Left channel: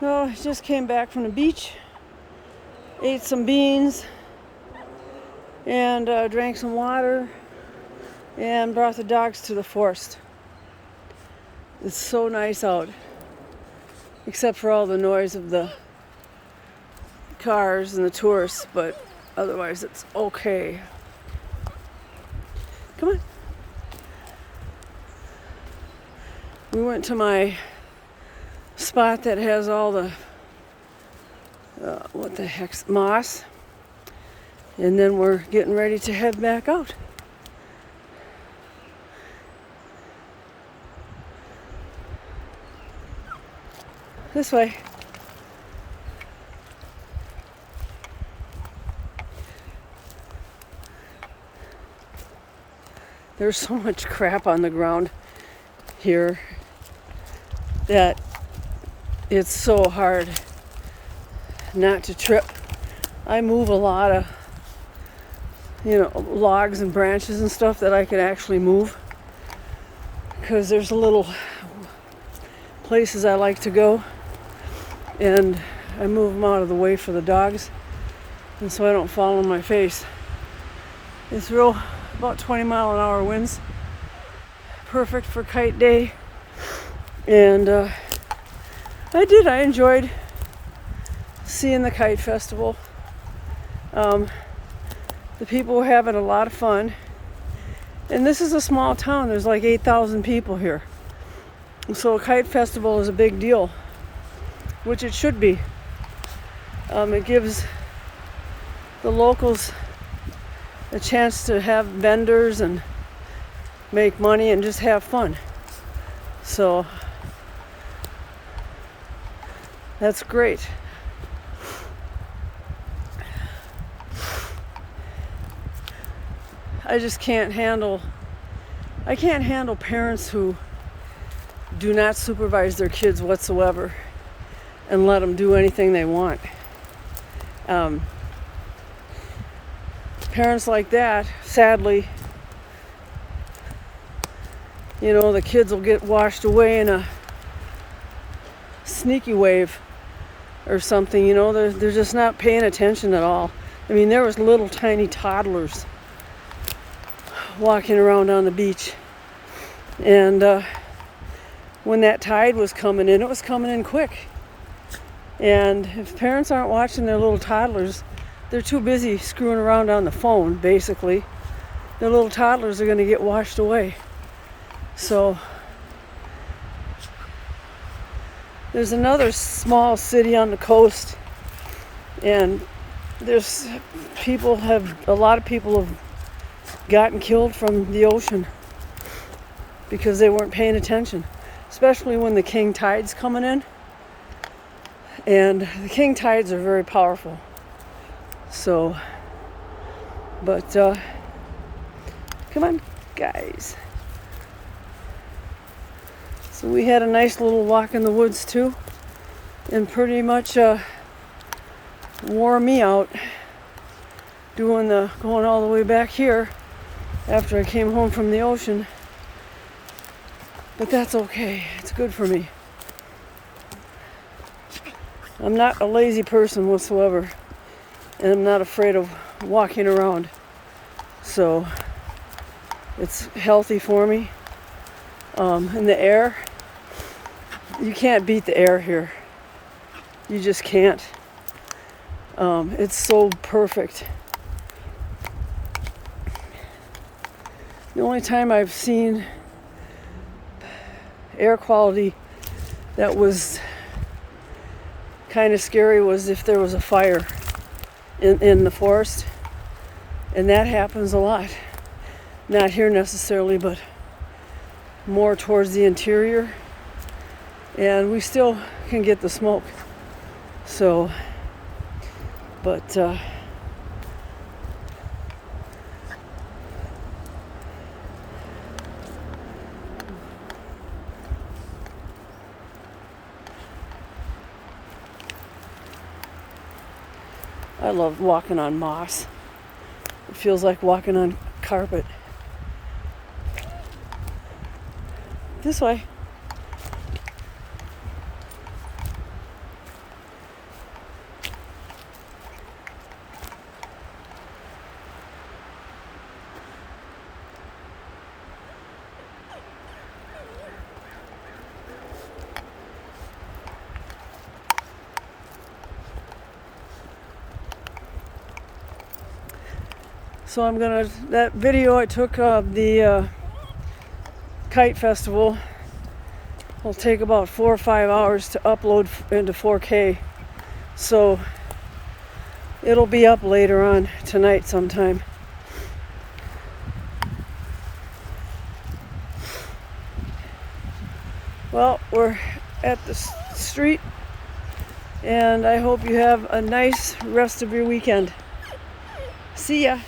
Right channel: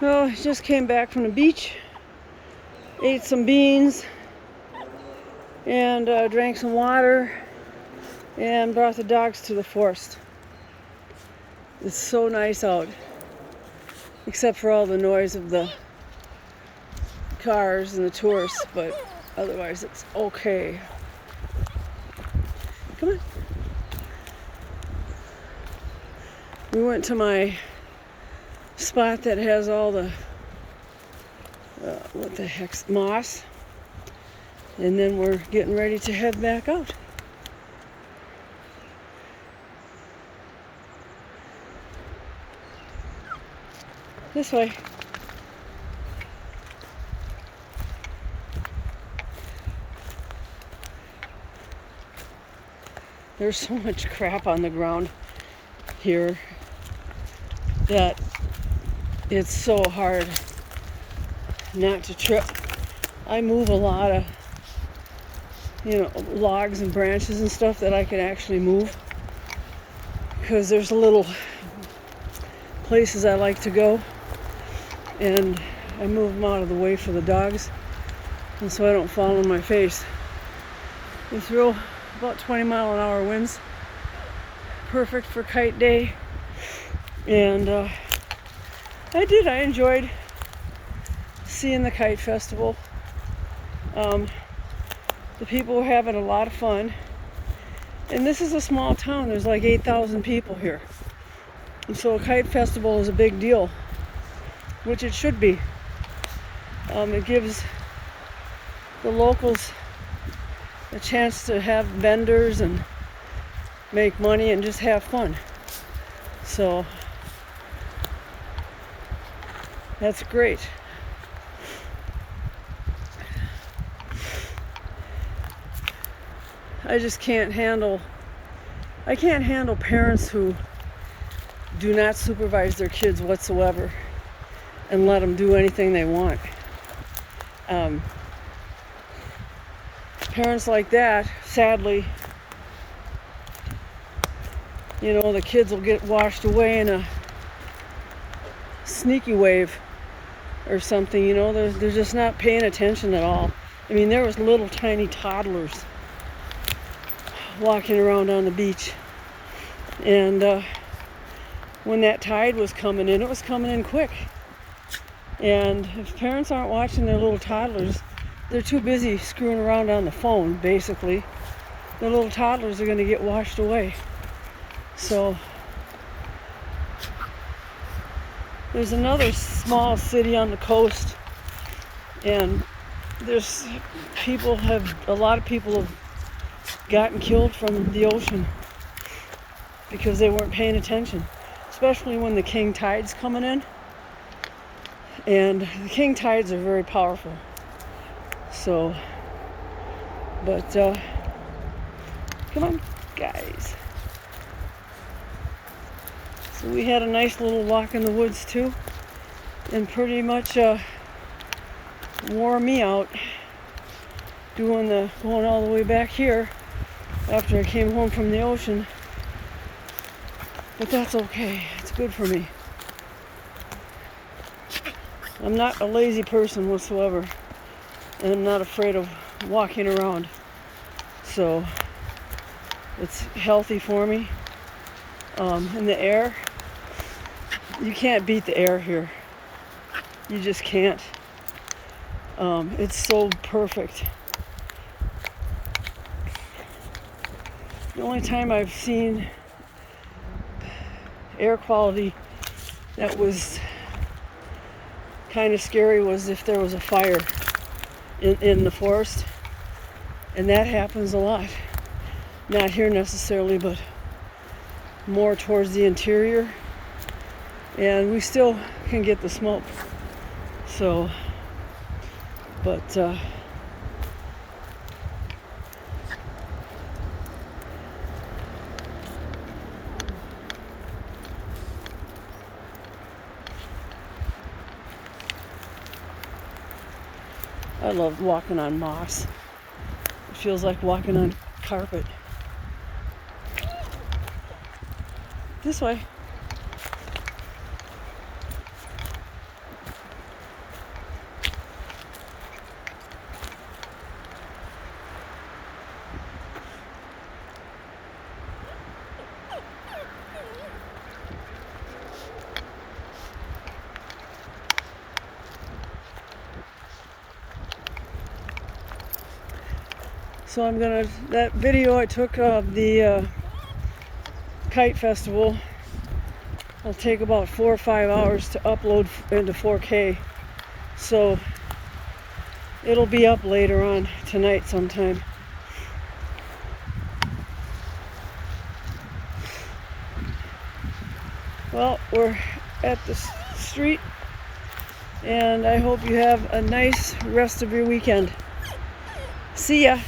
Well, I just came back from the beach, ate some beans, and drank some water, and brought the dogs to the forest. It's so nice out, except for all the noise of the cars and the tourists, but otherwise it's okay. Come on. We went to my spot that has all the what the heck's moss, and then we're getting ready to head back out. This way. There's so much crap on the ground here that it's so hard not to trip. I move a lot of, logs and branches and stuff that I can actually move, because there's little places I like to go, and I move them out of the way for the dogs, and so I don't fall on my face. It's about 20-mile-an-hour winds, perfect for kite day, and I enjoyed seeing the kite festival. The people were having a lot of fun, and this is a small town. There's like 8,000 people here, so a kite festival is a big deal, which it should be. It gives the locals a chance to have vendors and make money and just have fun. So that's great. I can't handle parents who do not supervise their kids whatsoever and let them do anything they want. Parents like that, sadly, the kids will get washed away in a sneaky wave or something. They're just not paying attention at all. I mean, there was little tiny toddlers walking around on the beach, and when that tide was coming in, it was coming in quick. And if parents aren't watching their little toddlers, they're too busy screwing around on the phone, basically. The little toddlers are going to get washed away. So there's another small city on the coast, and a lot of people have gotten killed from the ocean because they weren't paying attention, especially when the king tide's coming in. And the king tides are very powerful. So, but come on, guys. So we had a nice little walk in the woods too, and pretty much wore me out going all the way back here after I came home from the ocean. But that's okay. It's good for me. I'm not a lazy person whatsoever, and I'm not afraid of walking around. So it's healthy for me. And the air, you can't beat the air here. You just can't. It's so perfect. The only time I've seen air quality that was kind of scary was if there was a fire in the forest, and that happens a lot. Not here necessarily, but more towards the interior, and we still can get the smoke. So, but I love walking on moss. It feels like walking on carpet. This way. So that video I took of the kite festival will take about 4 or 5 hours to upload into 4K. So it'll be up later on tonight sometime. Well, we're at the street, and I hope you have a nice rest of your weekend. See ya.